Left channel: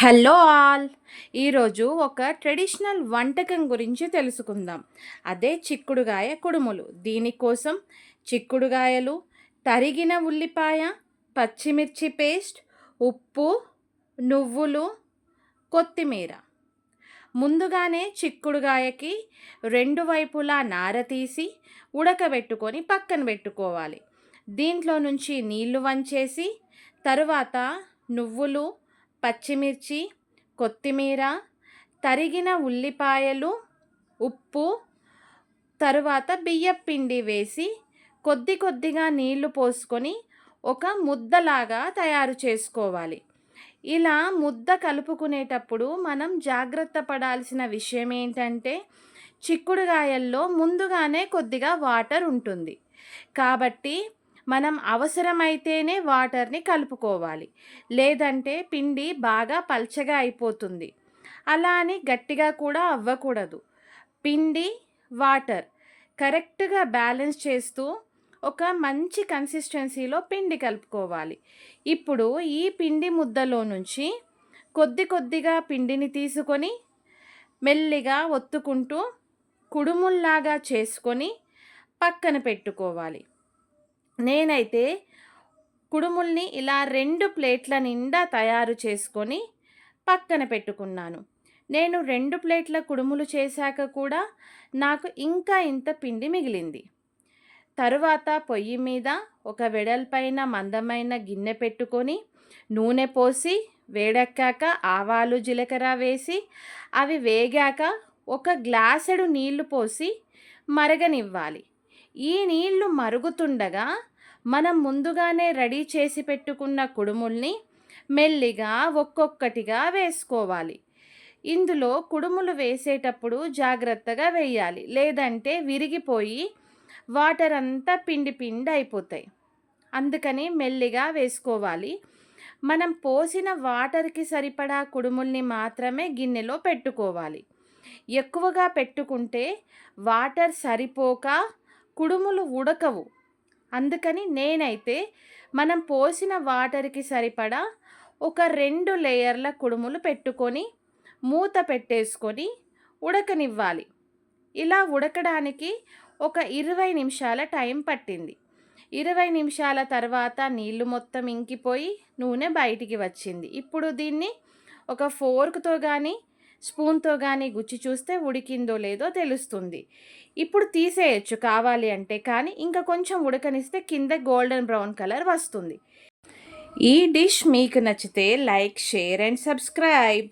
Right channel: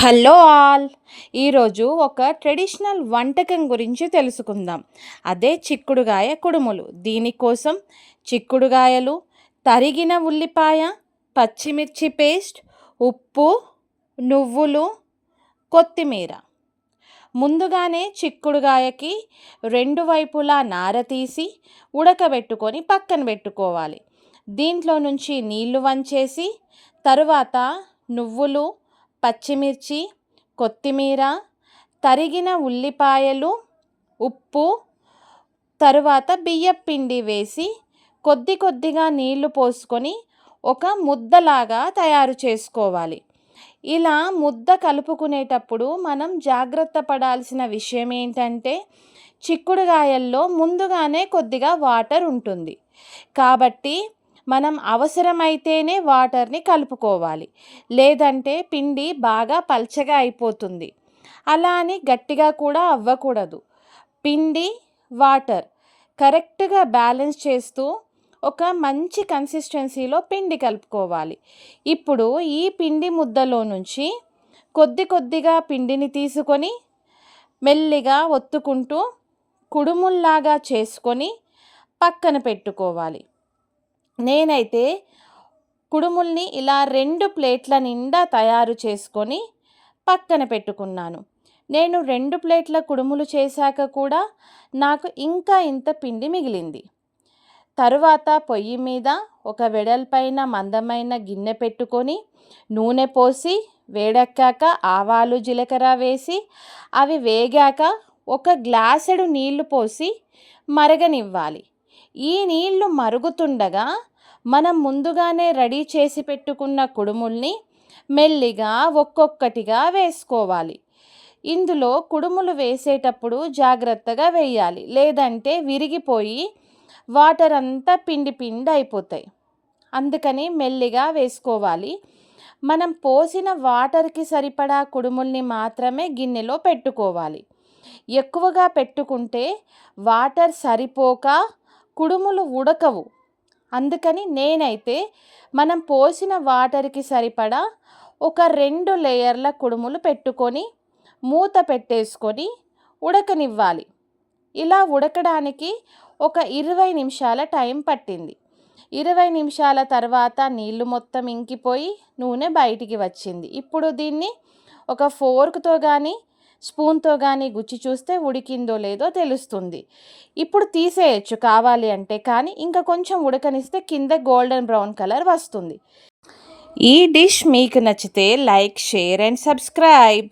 Hello all! ఈరోజు ఒక traditional వంటకం గురించి తెలుసుకుందాం. అదే చిక్కుడుగాయ కుడుములు. దీనికోసం చిక్కుడుగాయలు, తరిగిన ఉల్లిపాయ, పచ్చిమిర్చి పేస్ట్, ఉప్పు, నువ్వులు, కొత్తిమీర. ముందుగానే చిక్కుడుగాయకి రెండు వైపులా నార తీసి ఉడకబెట్టుకొని పక్కన పెట్టుకోవాలి. దీంట్లో నుంచి నీళ్లు వంచేసి తరువాత నువ్వులు, పచ్చిమిర్చి, కొత్తిమీర, తరిగిన ఉల్లిపాయలు, ఉప్పు, తరువాత బియ్యపు పిండి వేసి కొద్ది కొద్దిగా నీళ్లు పోసుకొని ఒక ముద్దలాగా తయారు చేసుకోవాలి. ఇలా ముద్ద కలుపుకునేటప్పుడు మనం జాగ్రత్త పడాల్సిన విషయం ఏంటంటే చిక్కుడుగాయల్లో ముందుగానే కొద్దిగా వాటర్ ఉంటుంది. కాబట్టి మనం అవసరమైతేనే వాటర్ని కలుపుకోవాలి. లేదంటే పిండి బాగా పల్చగా అయిపోతుంది. అలా అని గట్టిగా కూడా అవ్వకూడదు. పిండి, వాటర్ కరెక్ట్‌గా బ్యాలెన్స్ చేస్తూ ఒక మంచి కన్సిస్టెన్సీలో పిండి కలుపుకోవాలి. ఇప్పుడు ఈ పిండి ముద్దలో నుంచి కొద్ది కొద్దిగా పిండిని తీసుకొని మెల్లిగా ఒత్తుకుంటూ కుడుముల్లాగా చేసుకొని పక్కన పెట్టుకోవాలి. నేనైతే కుడుముల్ని ఇలా 2 ప్లేట్ల నిండా తయారు చేసుకొని పక్కన పెట్టుకున్నాను. నేను 2 ప్లేట్ల కుడుములు చేశాక కూడా నాకు ఇంకా ఇంత పిండి మిగిలింది. తరువాత పొయ్యి మీద ఒక వెడల్పైన మందమైన గిన్నె పెట్టుకొని నూనె పోసి వేడెక్కాక ఆవాలు, జీలకర్ర వేసి అవి వేగాక ఒక గ్లాసెడు నీళ్లు పోసి మరగనివ్వాలి. ఈ నీళ్లు మరుగుతుండగా మనం ముందుగానే రెడీ చేసి పెట్టుకున్న కుడుముల్ని మెల్లిగా ఒక్కొక్కటిగా వేసుకోవాలి. ఇందులో కుడుములు వేసేటప్పుడు జాగ్రత్తగా వేయాలి. లేదంటే విరిగిపోయి వాటర్ అంతా పిండి పిండి అయిపోతాయి. అందుకని మెల్లిగా వేసుకోవాలి. మనం పోసిన వాటర్కి సరిపడా కుడుముల్ని మాత్రమే గిన్నెలో పెట్టుకోవాలి. ఎక్కువగా పెట్టుకుంటే వాటర్ సరిపోక కుడుములు ఉడకవు. అందుకని నేనైతే మనం పోసిన వాటర్కి సరిపడా ఒక 2 లేయర్ల కుడుములు పెట్టుకొని మూత పెట్టేసుకొని ఉడకనివ్వాలి. ఇలా ఉడకడానికి ఒక 20 నిమిషాల టైం పట్టింది. 20 నిమిషాల తర్వాత నీళ్లు మొత్తం ఇంకిపోయి నూనె బయటికి వచ్చింది. ఇప్పుడు దీన్ని ఒక ఫోర్క్‌తో కానీ స్పూన్‌తో కానీ గుచ్చి చూస్తే ఉడికిందో లేదో తెలుస్తుంది. ఇప్పుడు తీసేయొచ్చు కావాలి అంటే, కానీ ఇంకా కొంచెం ఉడకనిస్తే కింద గోల్డెన్ బ్రౌన్ కలర్ వస్తుంది. ఈ డిష్ మీకు నచ్చితే లైక్, షేర్ అండ్ సబ్స్క్రైబ్.